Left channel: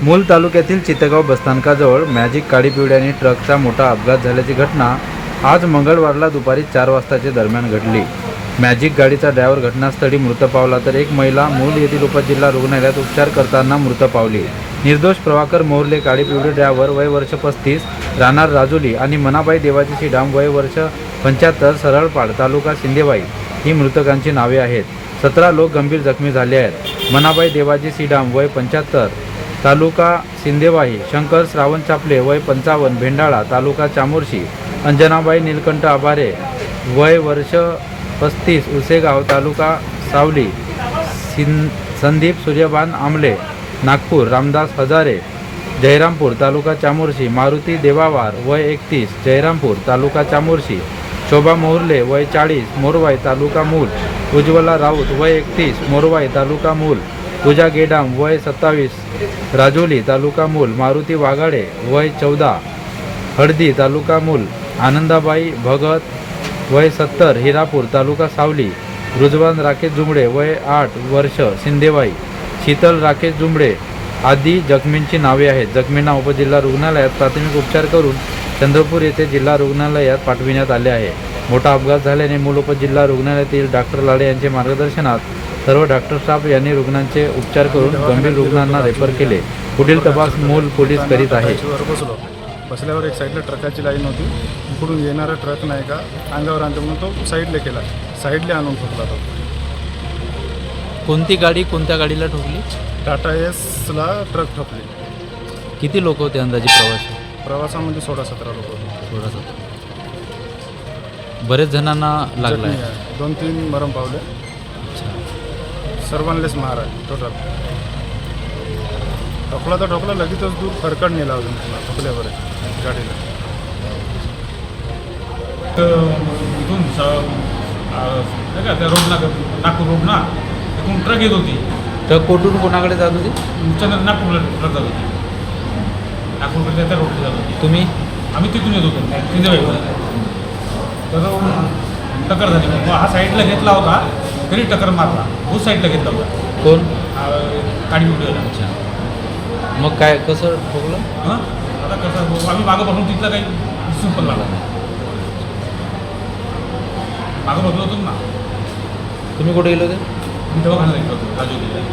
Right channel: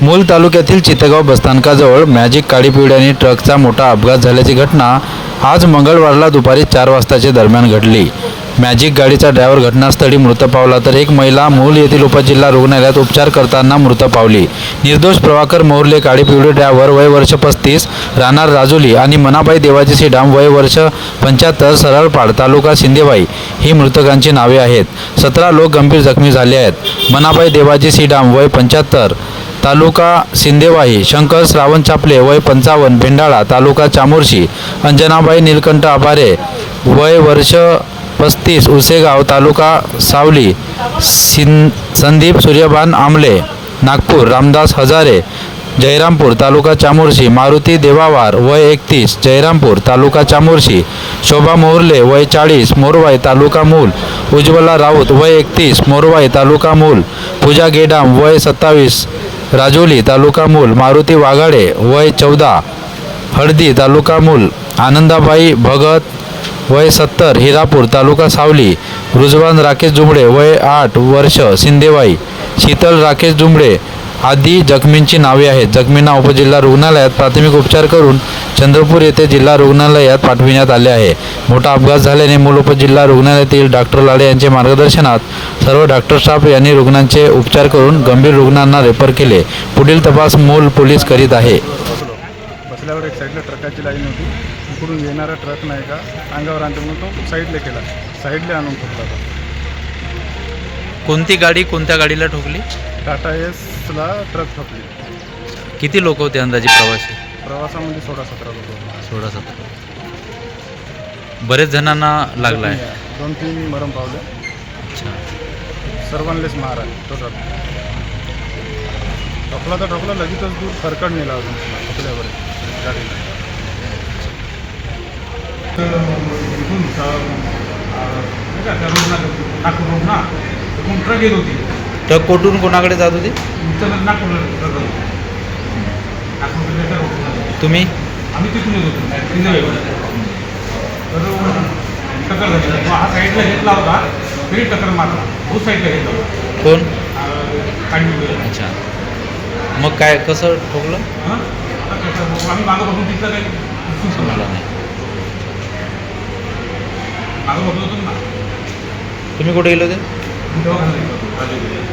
मूल तालुक्यातील चितगाव बसस्थानकाजवळ मॅजिक काळी आणि ट्रकचा मोठा अपघात झाल्याची घटना आज मंगळवारला दुपारी चार वाजताच्या दरम्यान घडली. मॅजिक गाडीचा ड्रायव्हर घटनास्थळी मृत पावला तर एक महिला मूल येथील उपजिल्हा रुग्णालयात उपचार करताना मृत पावली. निर्दोष प्रभाकर मोहर्ले काळी पिवळे ड्रायव्हर वय वर्ष पस्तीस राहणार राजुली आणि मनाबाई देवाजी श्रीडाम वय वर्ष पंच्याहत्तर सरळपाड तालुका शिंदेबाई ही मृतकांची नावे आहेत. सतरा लोक गंभीर जखमी झाले आहेत. मनाबाई देवाजी श्रीडाम वय पंच्याहत्तर तालुका सिंदेवाही शंकर श्रावण चापले वय पंचावन्न भेंडाळा तालुका चामोर्शी अंजनाबाई नीलकंठ आभारे वय वर्ष पस्तीस उसेगाव तालुका सावली सिन संदीप सूर्यभान आमले नागपूर रामदास हजारे जयरामपूर तालुका चामोर्शी मारुती देवावार वय एकतीस जयरामपूर तालुका चामोर्शी शोभा मोहर्ले वय चाळीस मोरवाई तालुका मूल उज्ज्वला राऊत वय एकतीस मोरवाई तालुका मूल पूजा गेडाम वय सत्तावीस राजोली तालुका मूल मारुती वाघाडे वय चौदा हळदी तालुका मूल आनंदाबाई भगत वय सत्तर हिरापूर तालुका सावली रुजवान राकेश जुंबडे वय आठ वर्ष सिंदेवाई शीतल राकेश जुंबडे आदी जखमींची नावे आहेत. जखमींना उपजिल्हा रुग्णालयात प्राथमिक उपचार करून चंद्रपूर येथे जिल्हा रुग्णालयात पाठविण्यात आले आहे. मोठा अपघात झाल्याने मूल उपजिल्हा रुग्णालयातील डॉक्टर लाडे यांच्या मार्गदर्शनात सर्व डॉक्टर स्टाफ यांनी रुग्णांचे उपचार करून गंभीर रुग्णांना रेफर केले. पुढील तपास मूल पोलीस करीत आहे. बसल्यावर एक साईडला ट्रकाची लाईन होती. इकडून येणारा ट्रक नाही का अंगावर आणतो म्हणून तो साईडला केला. साईडला आणून ठोकला तो. कोणती गाडी कोणत्या गाडीला ठोकली? टाटा एसला ट्रक ठोकली. किती लोक होते अंदाजे प्रवासी? प्रवासामध्ये सोळा सतरा लोक होते. सोळा सतरा. बरेच जणांना लागला आहे जखमी आहे. दोन तीन मरम पावले. अच्छा. सर्वांलेच मार आहे. तो ट्रक ठोकला तर ठोकला लगेचच दूर फरकड नेला अजून ठोकल्यावर. गाडीला. इथून रोड ना नागपूर रोड ना ट्रक येत होती? ट्रक कोठून कोणाकडे जात होती? उच्चानंद नागपूरला ट्रक आली नागपूर त्या रोड झाली तुम्ही? आम्ही तिथून येत होतो तिथे तर टक्कर झाली. मग हा साईडला घेतला होता तरी टक्कर मारला. तो साईडला घेतला होता. कोण? गाडी उभी अच्छा. मग काय कसं ठोकलं? हां? आता कसं आम्ही मागं बघून तिथलं काही दिसून पण मला मला नाही. मागं बघलो होतो ना. तुम्ही कुठे गेले होते? आम्ही तेव्हा घालून येत होतो राजूला.